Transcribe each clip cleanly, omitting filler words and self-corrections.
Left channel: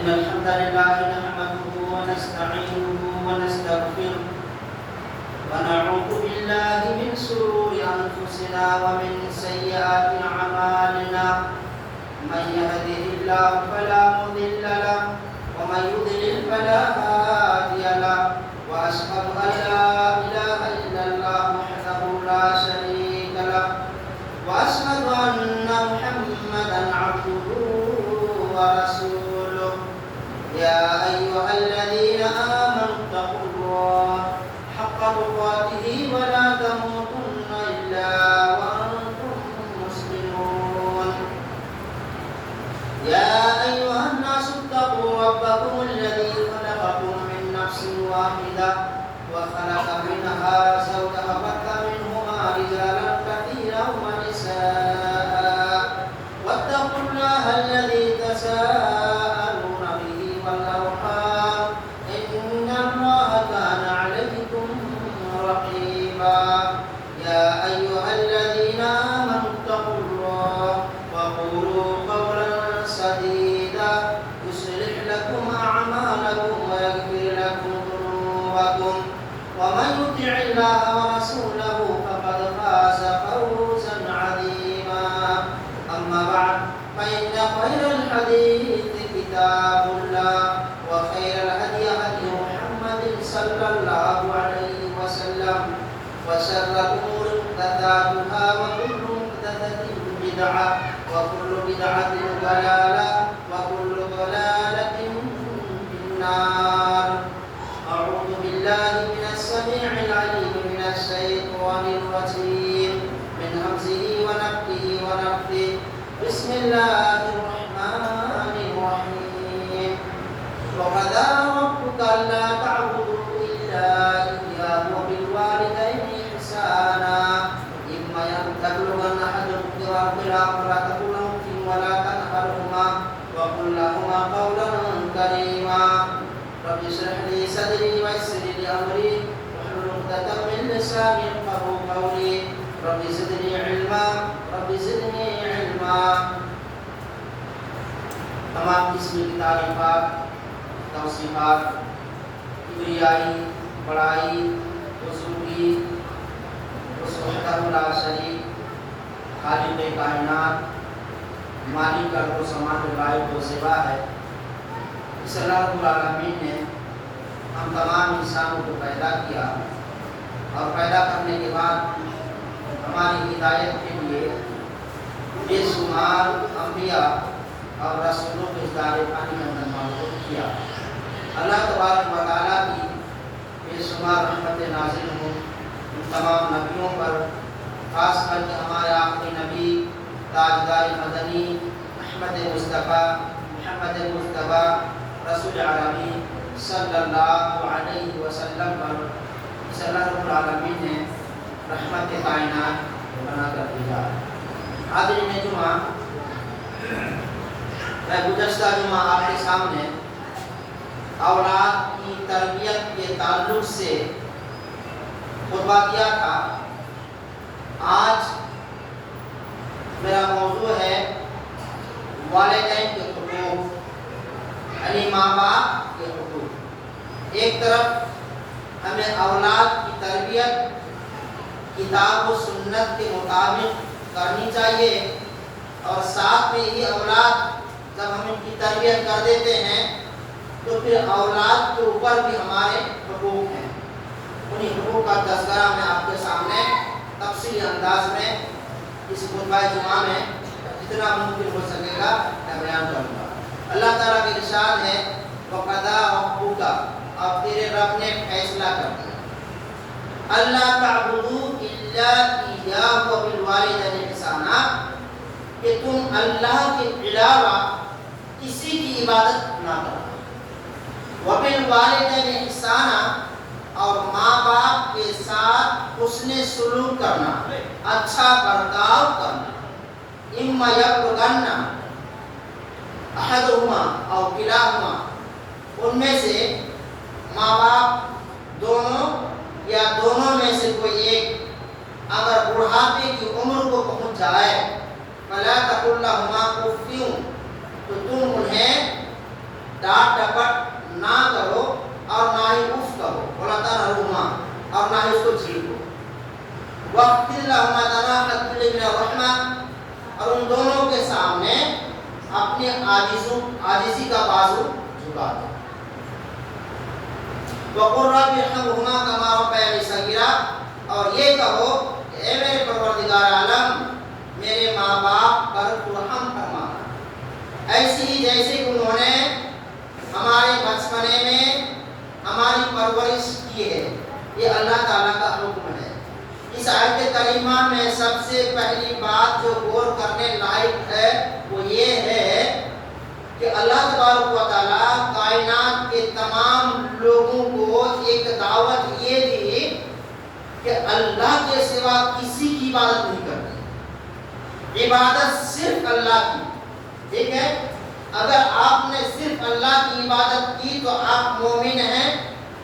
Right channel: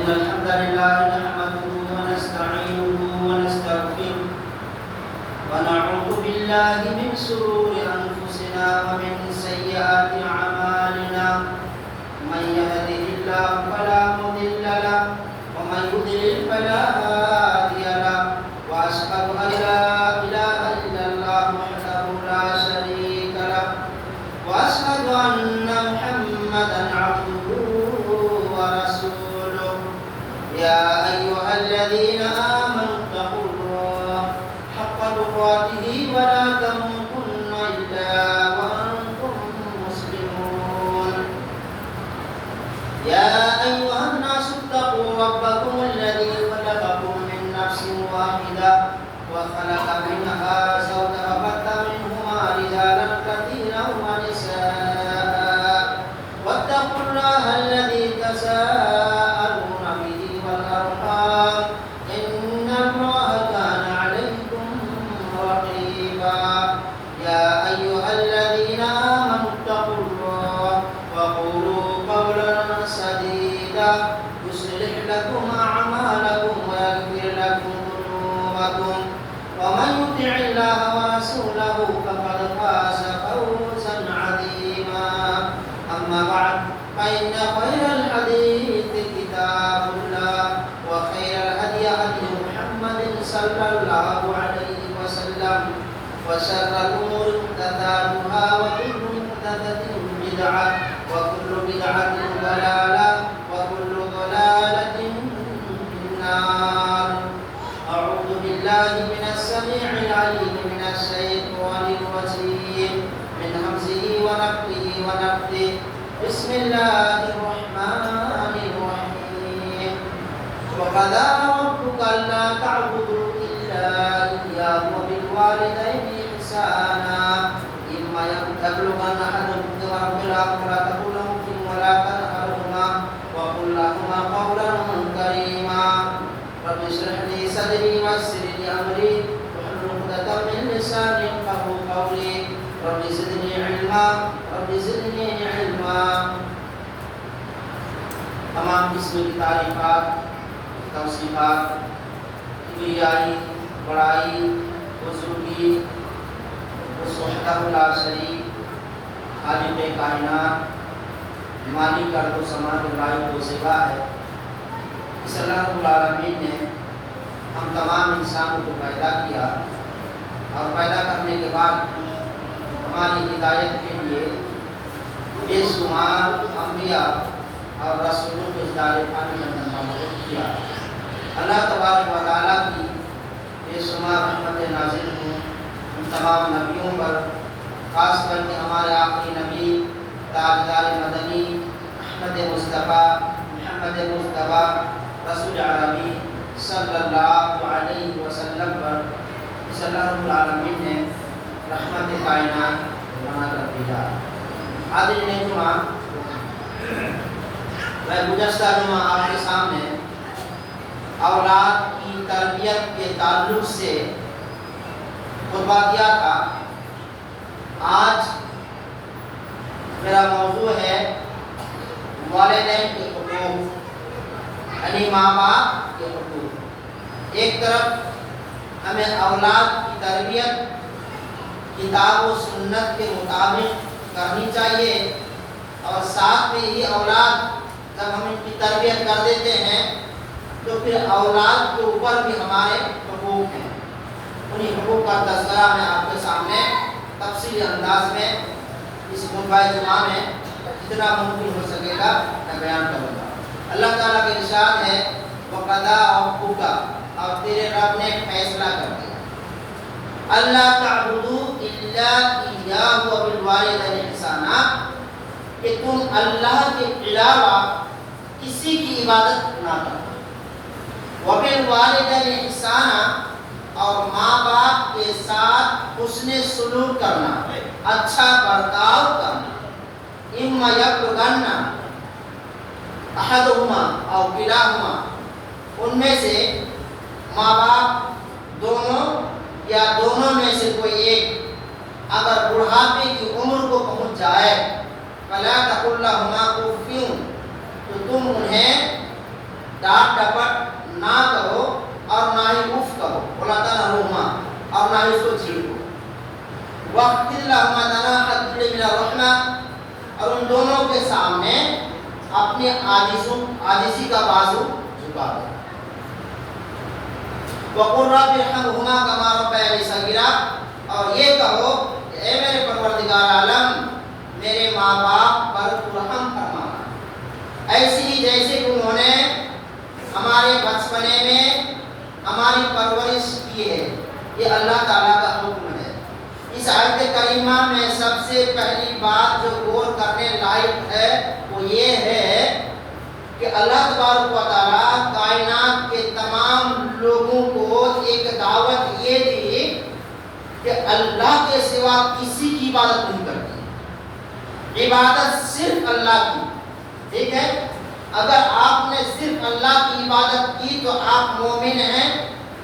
إن الحمد لله نحمده ونستعينه ونستغفره ونعوذ بالله من شرور أنفسنا ومن سيئات أعمالنا من يهده الله فلا مضل له ومن يضلل فلا هادي له وأشهد أن لا إله إلا الله وحده لا شريك له وأشهد أن محمدا عبده ورسوله يا أيها الذين آمنوا اتقوا الله حق تقاته ولا تموتن إلا وأنتم مسلمون يا أيها الناس اتقوا ربكم الذي خلقكم من نفس واحدة وخلق منها زوجها وبث منهما رجالا كثيرا ونساء واتقوا الله الذي تساءلون به والأرحام إن الله كان عليكم رقيبا يا أيها الذين آمنوا اتقوا الله وقولوا قولا سديدا يصلح لكم أعمالكم ويغفر لكم ذنوبكم ومن يطع الله ورسوله فقد فاز فوزا عظيما أما بعد فإن خير الحديث كتاب الله وخير الهدي هدي محمد صلى الله عليه وسلم وشر الأمور محدثاتها وكل محدثة بدعة وكل بدعة ضلالة وكل ضلالة في النار أعوذ بالله من السميع العليم من الشيطان الرجيم من همزه ونفخه ونفثه بسم الله الرحمن الرحيم وقضى ربك ألا تعبدوا إلا إياه وبالوالدين إحسانا إما يبلغن أحدهم الكبر فلا تقل لهما أف ولا تنهرهما وقل لهما قولا كريما رب اشرح لي صدري ويسر لي أمري واحلل عقدة من لساني يفقهوا قولي رب زدني علما رب زدني علما تمام قسم کی تعریفات توصیفات کبریائی بڑائی بزرگی اس وحدہ لا شریک خالق کائنات مالک ارض و سماء کے لائق و سوا ہے اس اللہ رب العالمین نے ہم تمام انسانوں کو پیدا کیا اور پیدا کرنے کے بعد ہماری ہدایت کے لیے بے شمار انبیاء اور رسولوں کے دار پانی کے اندر مبعوث کیا. اللہ تبارک و تعالیٰ کی بے شمار رحمت نازل ہوں ان تمام نبیوں پر، خاص کر کے ہمارے آخری نبی تاجدار مدنی محمد مصطفیٰ رسول عالمی صلی اللہ علیہ وسلم پر اس اللہ رب العالمین نے رحمت کائنات بنا کر دیا. حاضرین جمعہ، میں گزشتہ جمعہ آپ کے سامنے اولاد کی تربیت کے تعلق سے خطبہ کیا تھا. آج میرا موضوع ہے والدین کے حقوق، یعنی ماں باپ کے حقوق. ایک طرف ہمیں اولاد کی تربیت کتاب و سنت کے مطابق کرنی چاہیے، اور ساتھ میں ہی اولاد جب ہم ان کی تربیت کر دیتے ہیں تو پھر اولاد کے اوپر بھی ہمارے حقوق ہیں. انہیں حقوق کا تذکرہ میں آپ کے سامنے تفصیلی انداز میں اس خطبہ جمعہ میں جتنا ممکن ہو سکے گا میں بیان کروں گا. اللہ تعالیٰ کے ارشاد ہے وَقَضَىٰ رَبُّكَ، اور تیرے رب نے فیصلہ کر دیا، اللہ تعبدوا الا اياه کہ تم اللہ کے علاوہ کسی کی عبادت نہ کرو۔ وبالوالدین احسانا، اور ماں باپ کے ساتھ حسن سلوک کرنا، اچھا برتاؤ کرنا۔ اما یبلغن احدہما او کلاہما، ان میں سے ماں باپ دونوں یا دونوں میں سے کوئی ایک اگر بڑھاپے کی عمر کو پہنچ جائے، فلا تقل لہما اف، تو تم انہیں ڈانٹ ڈپٹ نہ کرو اور نہ ہی اف کہو، ولا تنہرہما، اور نہ ہی اس کو جھیڑو۔ واخفض لہما جناح الذل من الرحمہ، اور ان دونوں کے سامنے اپنی عاجزی کا بازو جھکا دو۔ وقل رب ارحمہما کما ربیانی صغیرا، اور یہ کہو کہ اے میرے پروردگار عالم، میرے ماں باپ پر تو رحم فرما، ایسی ہی جیسے کہ انہوں نے ہمارے بچپنے میں ہماری پرورش کی ہے۔ یہ اللہ تعالیٰ کا حکم ہے۔ اس آیت کریمہ میں سب سے پہلی بات جو غور کرنے لائق ہے وہ یہ ہے کہ اللہ تبارک و تعالیٰ کائنات کے تمام لوگوں کو ایک دعوت یہ دی کہ اللہ کے سوا کسی کی عبادت نہیں کرنی، عبادت صرف اللہ کی۔ ٹھیک ہے، اگر آپ نے صرف اللہ کی عبادت کی تو آپ مومن ہیں،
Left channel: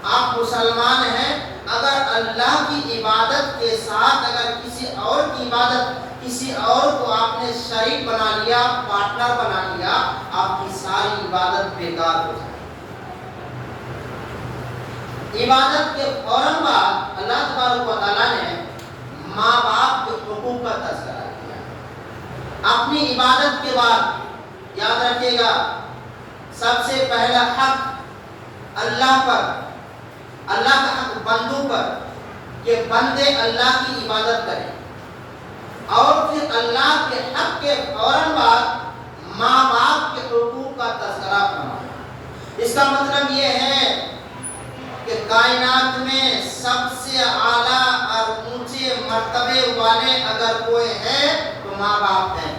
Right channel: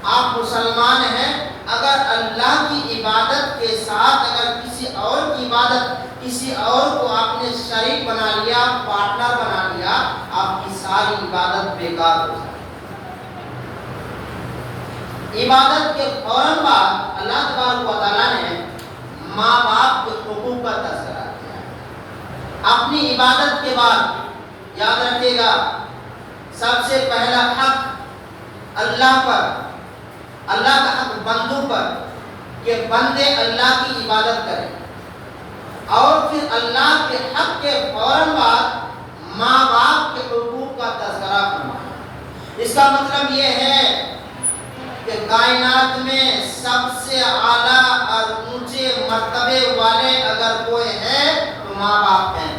آپ مسلمان ہیں۔ اگر اللہ کی عبادت کے ساتھ اگر کسی اور کی عبادت، کسی اور کو آپ نے شریک بنا لیا، پارٹنر بنا لیا، آپ کی ساری عبادت بیکار ہو جائے۔ عبادت کے فوراً بعد اللہ تبارک و تعالیٰ نے ماں باپ کے حقوق کا تذکرہ کیا۔ اپنی عبادت کے بعد یاد رکھیے گا، سب سے پہلا حق اللہ پر، اللہ کا حق بندوں پر کہ بندے اللہ کی عبادت کریں، اور پھر اللہ کے حق کے فوراً بعد ماں باپ کے حقوق کا تذکرہ فرمایا۔ اس کا مطلب یہ ہے کہ کائنات میں سب سے اعلیٰ اور اونچے مرتبے والے اگر کوئی ہے تو ماں باپ ہیں۔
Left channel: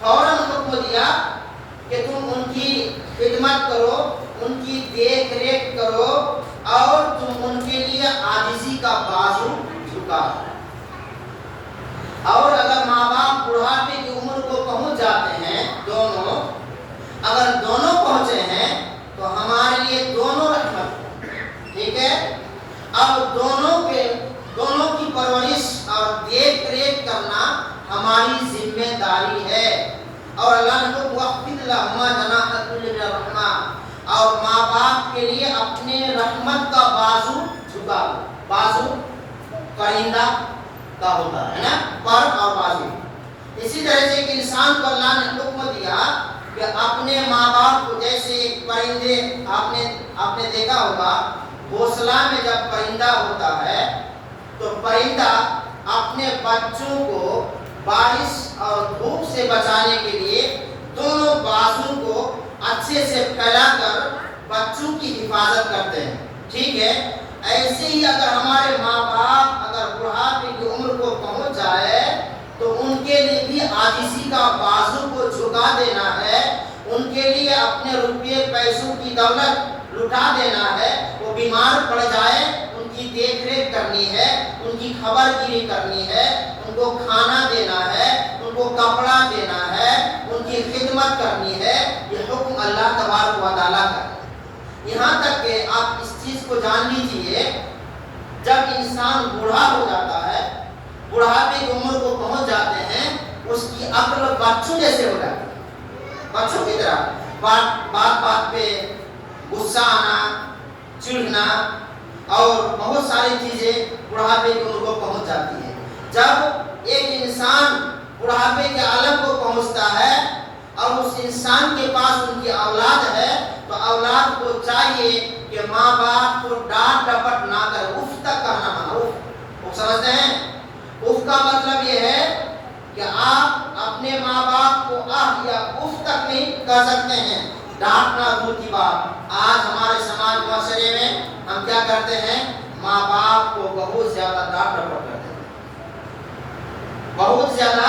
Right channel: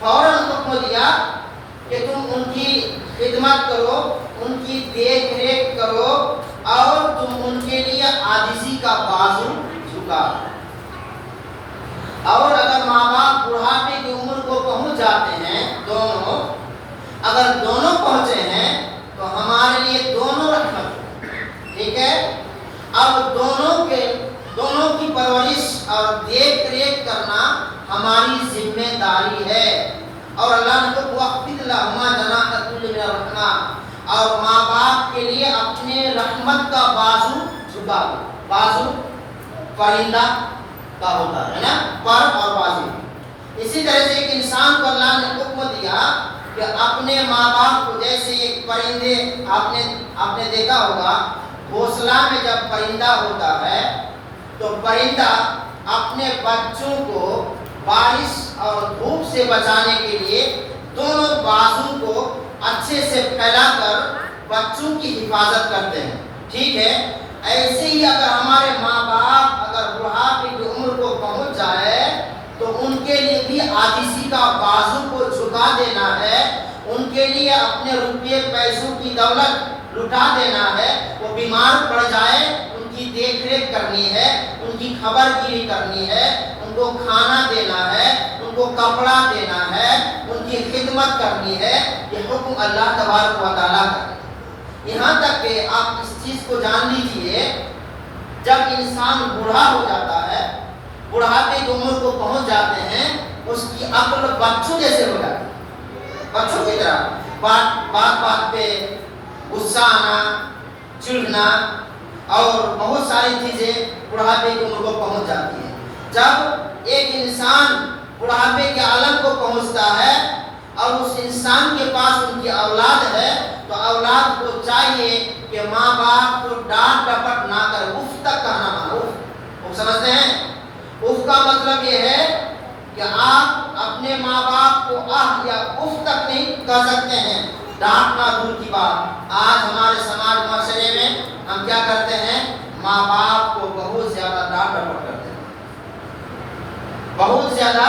فوراً حکم دیا کہ تم ان کی خدمت کرو، ان کی دیکھ ریکھ کرو، اور تم ان کے لیے عاجزی کا بازو جھکا۔ اور اگر ماں باپ بڑھاپے کی عمر کو پہنچ جاتے ہیں، دونوں اگر دونوں پہنچے ہیں تو ہمارے لیے دونوں رحمت۔ ٹھیک ہے، اب دونوں کی پرورش اور دیکھ ریکھ کرنا ہماری ذمہ داری ہے۔ اور اللہ نے کہا واخفض لہما جناح الذل من الرحمہ، اور ماں باپ کے لیے اپنے رحمت کا بازو جھکا دو۔ بازو پرندہ کا ہوتا ہے نا، پر اور بازو۔ اسی طرح سے ایک انسان کو اللہ نے حکم دیا کہ اپنے ماں باپ کو، جیسے ایک پرندے آپ نے دیکھا ہوگا گھونسلہ میں جب پرندہ ہوتا ہے تو پرندہ اپنے بچوں کو بارش اور دھوپ سے بچانے کے لیے دونوں بازو کو اچھے سے پھیلا کر بچوں کی حفاظت کرتے ہیں۔ ٹھیک ہے، ایسے ہی اگر ہمارے ماں باپ اگر بڑھاپے کی عمر کو پہنچ جائے تو ان کے لیے بھی عاجزی کا بازو کو جھکا دینا ہے، ان کے لیے اپنے روپے پیسوں کی دولت لٹا دینا ہے۔ وہ بیمار پڑ جائے ان کی دیکھ ریکھ کرنی ہے، ان کی خبر گیری کرنی ہے، ان کو کھانا دینا ہے، ان کو کپڑا دینا ہے، ان کی خدمت کرنی ہے۔ یہ حکم اللہ تبارک و تعالیٰ کا ہے۔ یہاں تک کہ آپ اس چیز کو جان لیجئے، جب انسان بوڑھا ہو جاتا ہے، بڑھاپے کی عمر کو پہنچ جاتے ہیں، اس کی عقل بچوں جیسے ہو جاتی ہے، بچوں کی طرح بات پہ غصہ آنا، چڑھنا اور بہت ساری چیزیں بڑھاپے کی عمر کو پہنچ جاتی ہیں۔ جب ایک انسان بڑھاپے کے عالم کو پہنچتا ہے اور اس انسان کے پاس ان کی اولاد ہے تو اولاد کو چاہیے کہ ماں باپ کو ڈانٹ ڈپٹ نہ کر اف تک کہنا مانا۔ اف سمجھتے ہیں؟ اف کا مطلب یہ ہے کہ آپ اپنے ماں باپ کو آہ یا اف تک نہیں کہہ سکتے ہیں، ڈانٹنا دور کی بات۔ آج ہمارے سماج معاشرے میں ہم کیا کرتے ہیں؟ ماں باپ کو بہت زیادہ ڈانٹ ڈپٹ کرتے ہیں، بہت زیادہ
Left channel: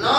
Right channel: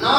9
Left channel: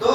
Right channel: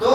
2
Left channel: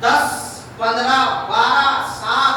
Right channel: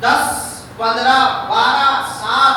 10, 15, 12, 7,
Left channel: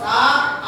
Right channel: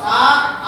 7,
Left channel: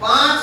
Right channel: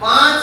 5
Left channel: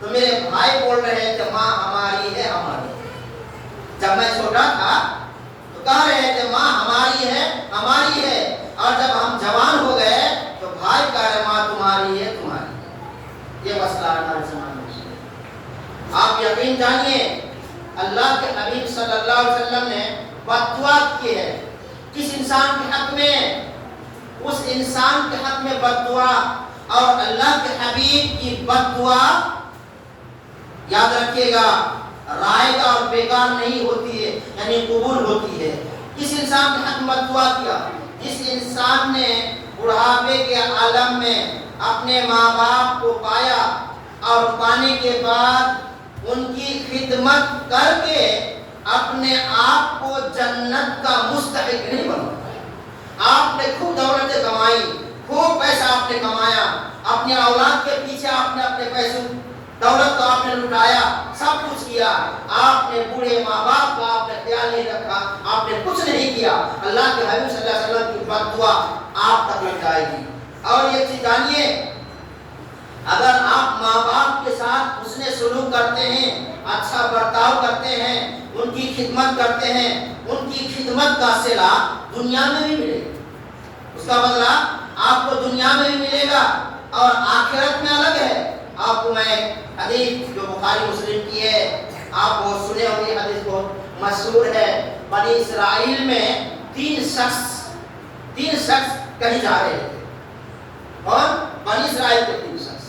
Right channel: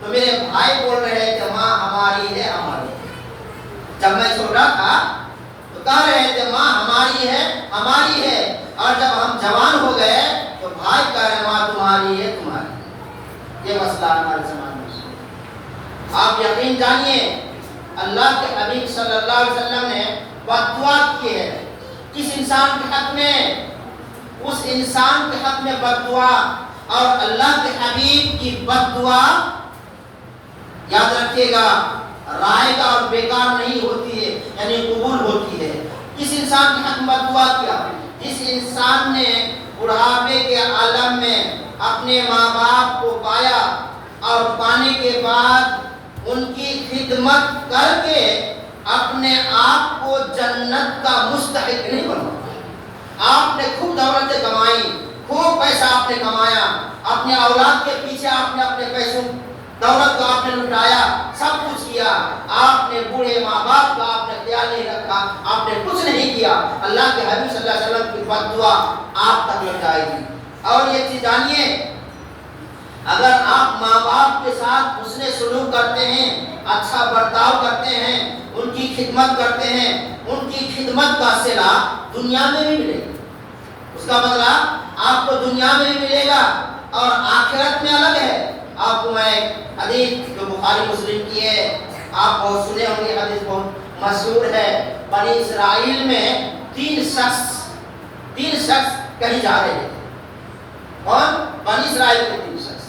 تو میرے بھائی بول رہے تھے ماں ہماری ہے ہماری ہے. جب میں چھوٹا تھا تو کہہ رہے تھے ماں ہماری ہے ہماری ہے. اور جب ہم جوان ہو گئے تو بھائی کہہ رہے ماں تمہاری ہے تمہاری ہے. یہ مسئلہ ہمارے زمانے میں. آپ یقین جانیے اللہ کے حبیب صلی اللہ علیہ وسلم نے بد دعا کی ہے کس انسان کے حق میں؟ اس انسان کے حق میں بد دعا. اور اللہ کے حبیب کی بد دعا یاد رکھیے گا رائے گا اور بیکار نہیں ہوتی ہے، یعنی قبول ہوتی ہے. کس انسان کے حق میں بد دعا کیا؟ جس انسان نے بڑھاپے کے عالم میں اپنے ماں باپ کو پایا اور پانے کے بعد ان کی خدمت کر کے اپنے آپ کو جنت کا مستحق نہیں بنا. آپ نے خوب دولتیں کمائی، خوب پیسہ آپ نے کمایا، اپنے اولاد کے پیچھے آپ نے اپنے پیسوں دولت کو آپ نے لٹایا، سب کچھ کیا. آپ نے بوڑھے ماں باپ کا آپ نے خیال نہیں رکھا، آپ نے کچھ نہیں کیا. اللہ کے حبیب صلی اللہ علیہ وسلم کی بد دعا آپ تک لگ جائے گی. اور یہ چیز جانیے اگر آپ ماں باپ کے ساتھ حسن سلوک کرتے ہیں، اچھا برتاؤ کرتے ہیں، ان کی خدمت کرتے ہیں، ان کی خدمت کا صلہ دنیا میں بھی ملے گا. اس کا بدلہ آپ کو دنیا میں بھی ملے گا اور آخرت میں الگ ہے. آپ کو میں حدیث جو بخاری مسلم کی ہے آپ بہت سنے ہوں گے، حدیث بہت مشہور ہے. بنی اسرائیل میں تین شخص کہیں جا رہے ہیں. کون؟ بنی اسرائیل کے تین شخص.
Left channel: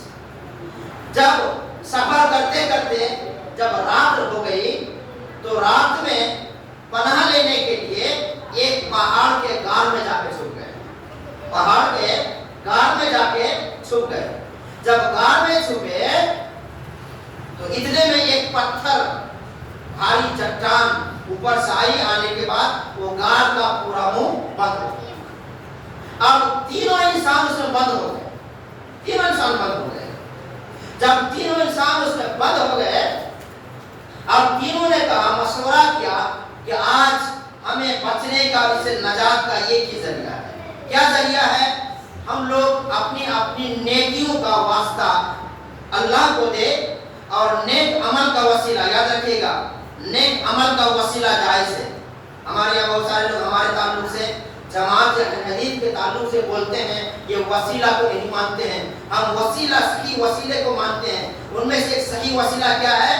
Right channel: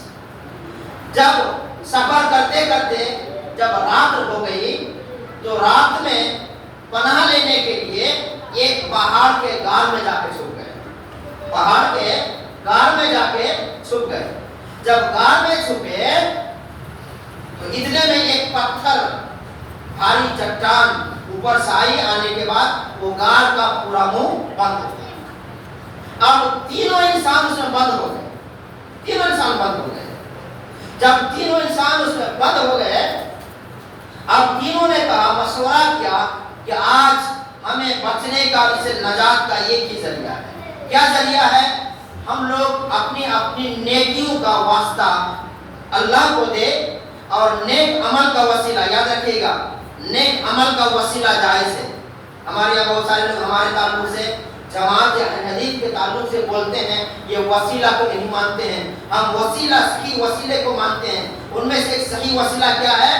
جب سفر کرتے کرتے جب رات ہو گئی تو رات میں پناہ لینے کے لیے ایک پہاڑ کے غار میں جا کے چھپ گئے. پہاڑ کے غار میں جا کے چھپ گئے. جب غار میں چھپے تو اتنے میں ایک پتھر بھاری چٹان اوپر سے آئی، آنے کے بعد وہ غار کا پورا منہ بند ہو گیا. اب تینوں انسان اس میں بند ہو گئے. تینوں انسان بند ہو گئے. جب تینوں انسان اس میں بند ہو گئے اب تینوں نے کہا، مشورہ کیا کہ آج ہمیں بچنے کا اور اسے نجات کا ایک ہی ذریعہ ہے. کیا ذریعہ ہے؟ ہم لوگ اپنی اپنی نیکیوں کا واسطہ اللہ کو دے اور نیک عمل کا وسیلہ. یاد رکھیے گا نیک عمل کا وسیلہ جائز ہے. ہمارے یہاں بہت سارے لوگ ہمارے تعلق سے جماعت یا حدیث کے تعلق سے بولتے ہیں یہ وسیلہ کو نہیں مانتے ہیں. ہم وسیلہ صحیح وسیلے کو مانتے ہیں. ان میں سے ایک صحیح وسیلہ کیا ہے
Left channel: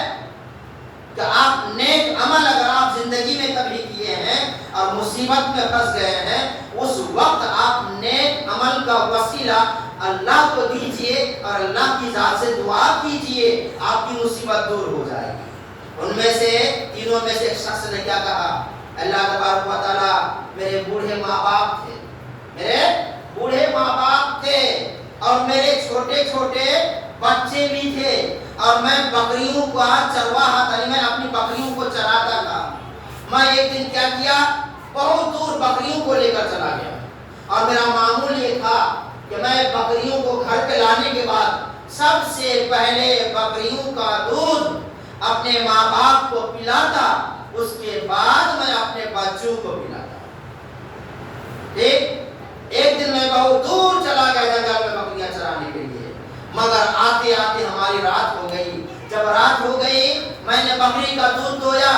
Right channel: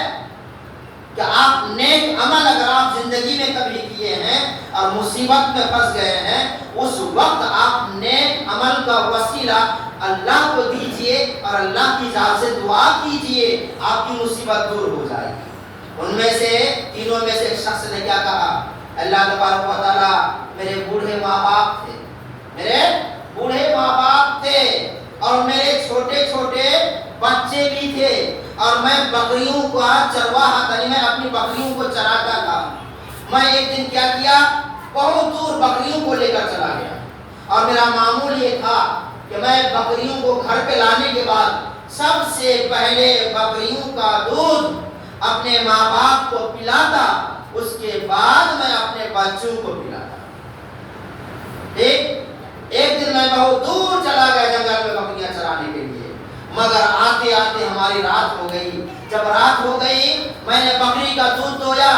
کہ آپ نیک عمل اگر آپ زندگی میں کبھی کیے ہیں اور مصیبت میں پھنس گئے ہیں اس وقت آپ نیک عمل کا وسیلہ اللہ کو دیجئے اور اللہ کی ذات سے دعا کیجئے، آپ کی مصیبت دور ہو جائے گی. ان میں سے تینوں میں سے ایک شخص نے کیا کہا، اللہ تبارک و تعالیٰ میرے بوڑھے ماں باپ تھے، میرے بوڑھے ماں باپ تھے اور میرے چھوٹے چھوٹے بچے بھی تھے اور میں بکریوں کا چرواہا تھا، میں اپنی بکریوں کو چراتا تھا. میں ایک دن کیا کیا، بہت دور بکریوں کو لے کر چلا گیا اور میرا معمول یہ تھا کہ میں بکریوں کو گھر پہ لانے کے بعد سب سے پہلے بکریوں کا دودھ اپنے ماں باپ کو پلاتا، اس کے بعد میں اپنے بچوں کو پلاتا. ایک دن میں بہت دور چلا گیا جنگل میں بکریاں چرانے کے لیے، مگر آتے آتے ہماری رات ہو گئی. جب رات ہو گئی میں نے بکری کا دودھ دویا،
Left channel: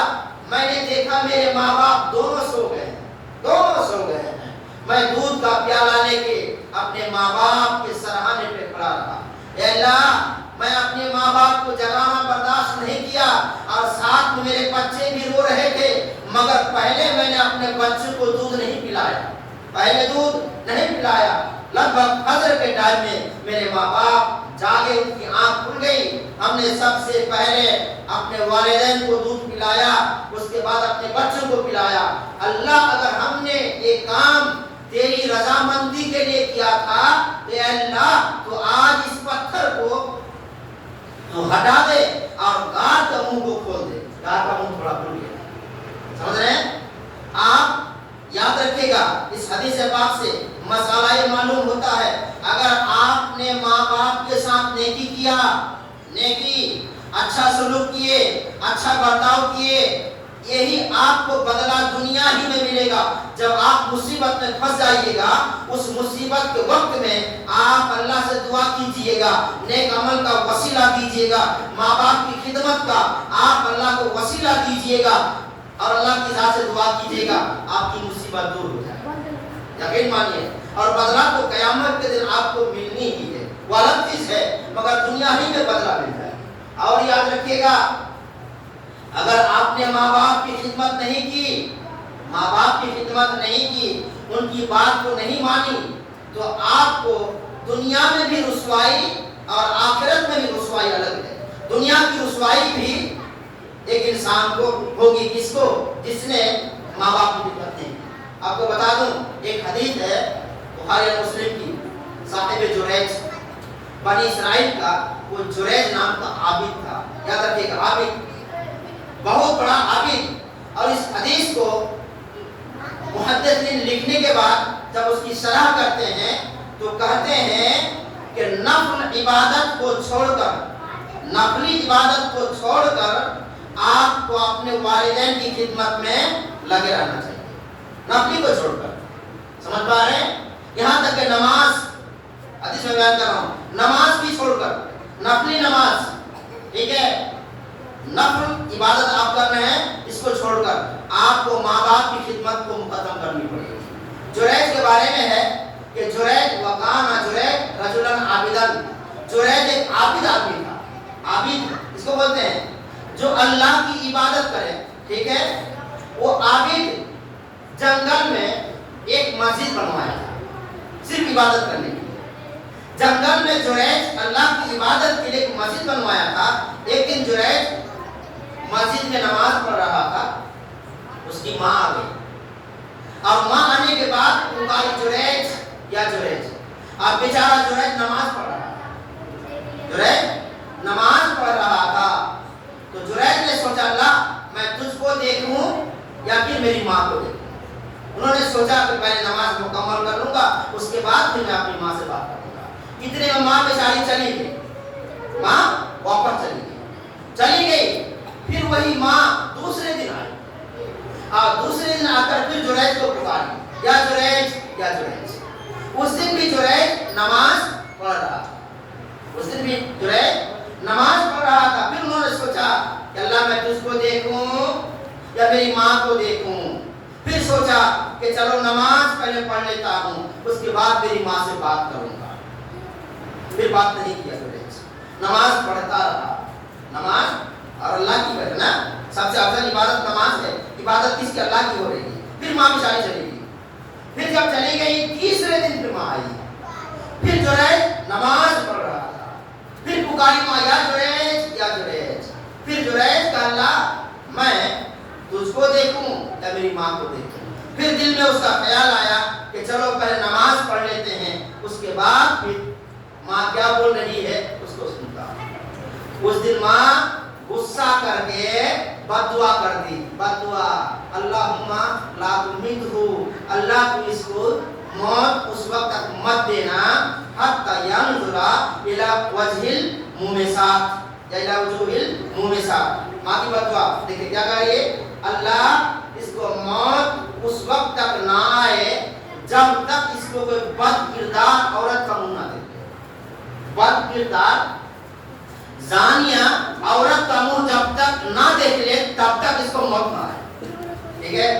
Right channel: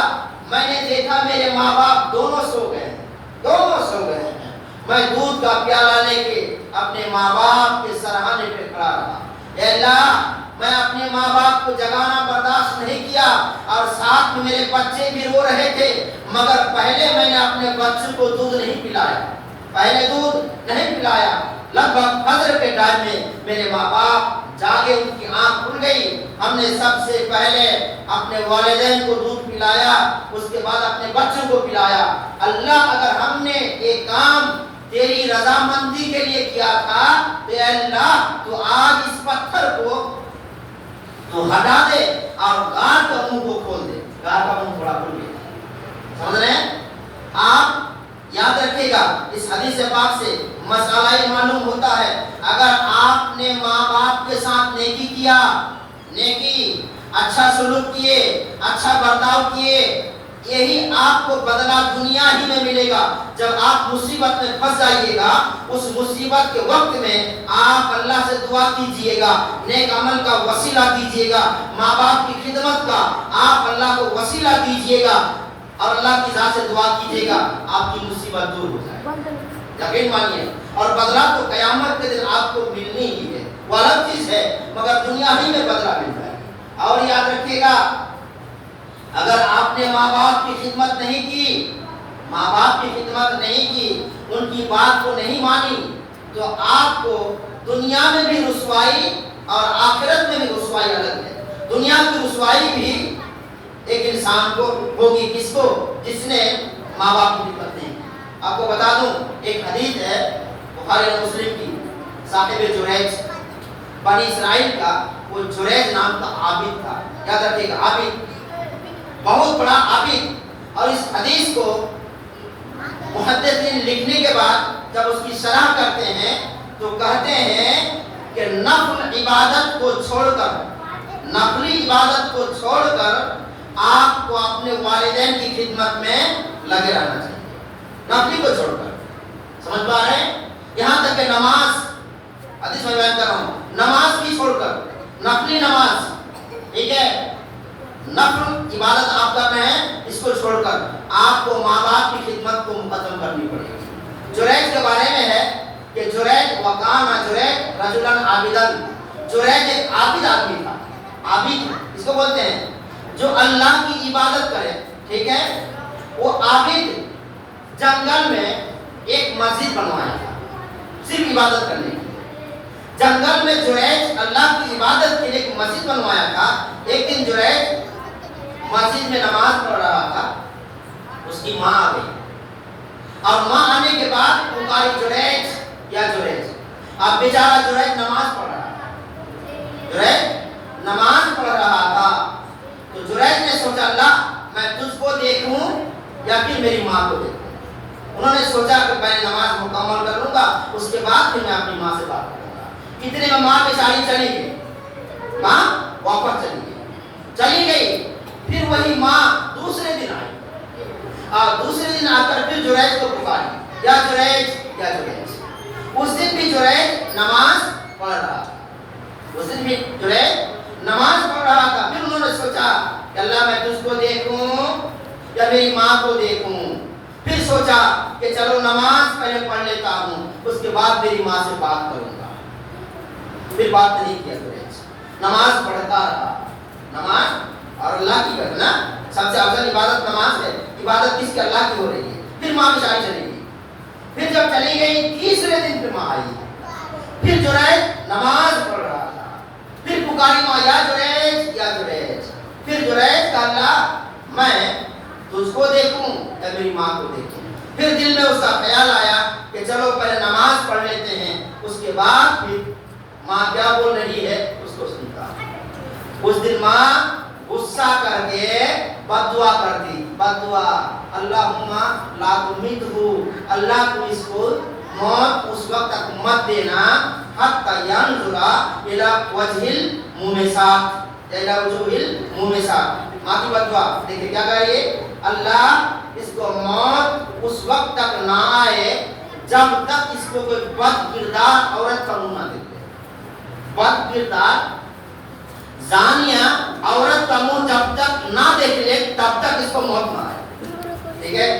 میں نے دیکھا میرے ماں باپ دونوں سو گئے ہیں. میں دودھ کا پیالہ لے کے اپنے ماں باپ کے سرہانے پہ کھڑا رہا. اے اللہ میں اپنے ماں باپ کو جگانا برداشت نہیں کیا اور ساتھ میں میرے بچے بھی رو رہے تھے، مگر پہلے میں نے اپنے بچوں کو دودھ نہیں پلایا. لگ بھگ فجر کے ٹائم میں میرے ماں باپ جاگے، ان کی آنکھ کھل گئی. ہم نے سب سے پہلے اپنے والدین کو دودھ پلایا، اس کے بعد اپنے بچوں کو پلایا. اللہ اگر ہم نے ایک کام تیری رضامندی کے لیے کیا تھا تو اے اللہ تو آج اس پتھر کو تو ہٹا دے اور غار کا منہ کو کھول دے. غار کا منہ تھوڑا کھل گیا. سمجھ رہے ہیں آپ؟ یاد رکھیے گا اس حدیث پاک سے مسئلہ یہ معلوم ہوتا ہے، اگر آپ نے ماں باپ کے ساتھ نیکی کیا، نیکی اچھا سلوک کیے، اچھا برتاؤ کیے، یہی آپ کو بدلہ دنیا ہی میں ملے گا. جب آپ مصیبت میں پھنس جائیے گا اس مصیبت کے وقت میں آپ اللہ سے دعا کیجئے گا, نیک عمل کا وسیلہ کیجئے گا, ماں باپ کی خدمت کا آپ اللہ کو وسیلہ کیجئے گا اور اللہ کی ذات سے دعا کیجئے گا, آپ کی مصیبت دور ہو جائے. یقین مانیے. اور بدلہ تو قیامت کے دن آپ کو ملنی ہی ہے, وہ الگ چیز ہے, مگر دنیا ہی میں بدلہ ملتا ہے. اور یاد رکھیے گا اگر آپ نے ماں باپ کی خدمت نہیں کی, ماں باپ کی خدمت نہیں کی, ان کی بات کو نہیں مانی, تو آپ کو دنیا میں بھی رسوائی اور آخرت میں بھی رسوائی الگ ہے. دنیا کی رسوائی بھی ایک انسان کو ہوگی, کس کو؟ جس نے ماں باپ کی خدمت نہیں کی. آپ کو بتا دوں ایک حدیث ہے بخاری اور مسلم کی, صاحب جریج بنی اسرائیل کا, وہ جریج نام کا عابد تھا. یاد رکھیے گا, عابد, بہت بڑا عابد. اور اس حدیث کو محدثین لکھنے کے بعد جب اس کی شرح کرتے ہیں تو کہتے ہیں کہ نفل عبادت کو چھوڑ کر, نفلی عبادت کو چھوڑ کر آپ کو اپنے والدین کی خدمت میں لگے رہنا چاہیے. نفلی کو چھوڑ کر, سمجھ پا رہے ہیں؟ یہاں تک کہ نماز, حدیث میں بیان کر رہا ہوں, نماز بھی چھوڑ کر, نفلی نماز, ٹھیک ہے, نفل عبادت آپ کر رہے ہیں, اس کو چھوڑ کر آپ کو ماں باپ کی خدمت کو ختم کرنی پڑے گی. جریج کے بارے میں ہے کہ جریج وکان جریج رجلن عابدن, جریج ایک عابد آدمی تھا. عابد اس کو بولتے ہیں جو اللہ کی عبادت کرے, ٹھیک ہے. وہ عابد جنگل میں ایک مسجد بنوایا تھا صرف عبادت کرنے کے لیے. جنگل میں جریج اللہ کی عبادت کے لیے ایک مسجد بنوایا تھا. ایک دن جریج مسجد میں نماز پڑھ رہا تھا, اس کی ماں آ گئی, اور ماں آنے کے بعد پکاری جریج یا جریج. اب بیچارہ جریج نماز پڑھ رہا تھا, جریج نماز پڑھ رہا تھا, تو جریج نے سوچا اللہ میں تجھ کو دیکھوں یا پھر میری ماں کو دیکھوں. انہوں نے سوچا کہ میں نماز مکمل کر لوں گا, اس کے بعد پھر میں اپنی ماں سے بات کروں گا. اتنے میں ماں بیچاری چلی گئی, ماں واپس چلی گئی. پھر وہی ماں دوسرے دن آئی, اور دوسرے دن آ کر پھر جریج کو پکاری, یا جریج یا جریج. اس دن بھی جریج نماز پڑھ رہا تھا, اس دن بھی جریج نماز پڑھ رہا تھا. پھر انہوں نے سوچا کہ اللہ میں تجھ کو دیکھوں یا میری ماں کو دیکھوں. پھر سوچا کہ چلو نماز پہلے پڑھ لیتا ہوں, اس کے بعد میری ماں سے بات کروں گا. پھر بات نہیں کیا جریج, نماز پڑھتا رہا. نماز اور اللہ کی کرنا سب سے افضل عبادت نماز ہے. عبادت کس کی؟ اللہ کی ہو رہی ہے. پھر ماں بیچاری چلی گئی. پھر جب چلی گئی تیسرے دن پھر ماں آئی. پھر جریج نماز پڑھ رہا تھا. پھر پکاری ماں یا جریج یا جریج. پھر جریج کہا اللہ میں تجھ کو دیکھوں یا میری ماں کو دیکھوں. پھر دل میں اس کا خیال آیا کہ چلو پہلے نماز پڑھ لیتے ہیں, اس کے بعد پھر ماں کیا بول رہی ہے اس کو سنتا. اس دن ماں غصہ کر کے بد دعا کر دی. بد دعا, اللہم لا تمیتہ, اللہ تو اس کو موت اس وقت تک مت دینا حتی ینظر الی وجہ المومسات, الی وجوہ المومسات. ماں کی بد دعا دیکھیں کیا کہہ رہی ہے, اللہ اس کو موت اس وقت تک نہ آئے جب تک اس کو کوئی بد کردار عورت کا منہ نہ دیکھے. بد کردار زانیہ عورت کا منہ جب تک نہ دیکھ لے تب تک اس کو موت نہ آئے. ٹھیک ہے.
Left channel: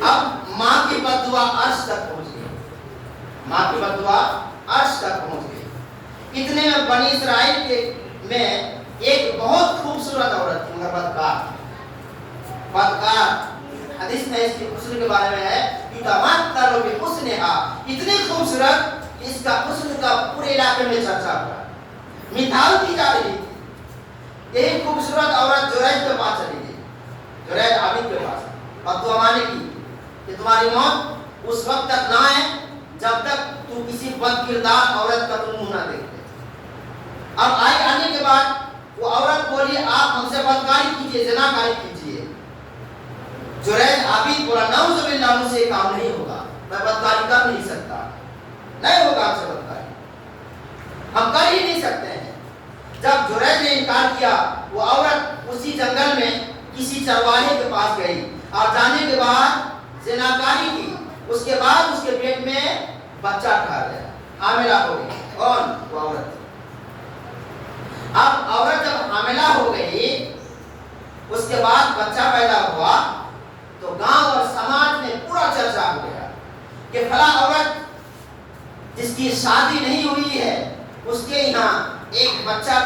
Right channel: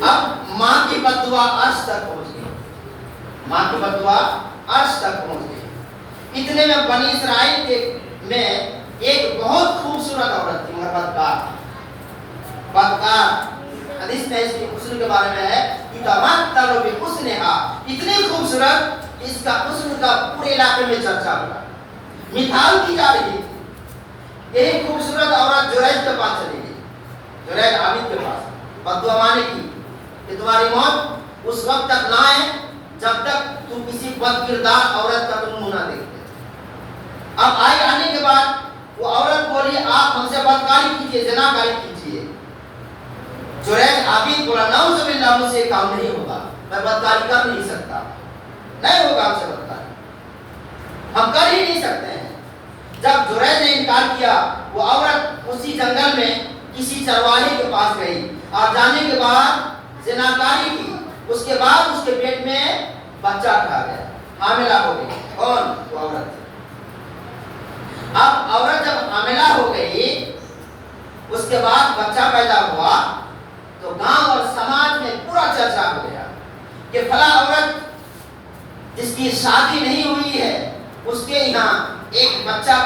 اب ماں کی بد دعا عرش تک پہنچ گئی, ماں کی بد دعا عرش تک پہنچ گئی. اتنے میں بنی اسرائیل کے میں ایک بہت خوبصورت عورت تھی, مگر بدکار. بدکار حدیث میں اس کی حسن کے بارے میں ہے تمتر بحسنھا, اتنی خوبصورت اس کا حسن کا پورے علاقے میں چرچا ہوا, مثال کی جا رہی تھی. یہی خوبصورت عورت جریج کے پاس چلی گئی, جریج عابد کے پاس, بد دعا مانگنے کی کہ تمہاری موت اس وقت تک نہ آئے جب تک تم کسی بد کردار عورت کا تم منہ نہ دیکھتے. اب آنے کے بعد وہ عورت بولی آپ ہم سے بدکاری کیجیے, زناکاری کیجیے. جریج عابد بولا نعوذ باللہ, مجھ سے یہ کام نہیں ہوگا, میں بدکاری کر نہیں سکتا, نہیں ہوگا ہم سے بدکاری, ہم کر ہی نہیں سکتے ہیں. جب جریج نے انکار کیا, وہ عورت اسی جنگل میں کسی چرواہے کے پاس گئی اور جانے کے بعد زناکاری کی، اس کے بعد اس کے پیٹ میں بچہ کھا گیا، حاملہ ہو گئی۔ کون؟ وہ عورت۔ اب عورت جب حاملہ ہو گئی، اس کے بعد بچہ پیدا ہوا، تو گاؤں اور سماج میں پورا چرچا ہو گیا کہ فلاں عورت جس کی شادی نہیں ہوئی ہے، اس کے یہاں ایک بچہ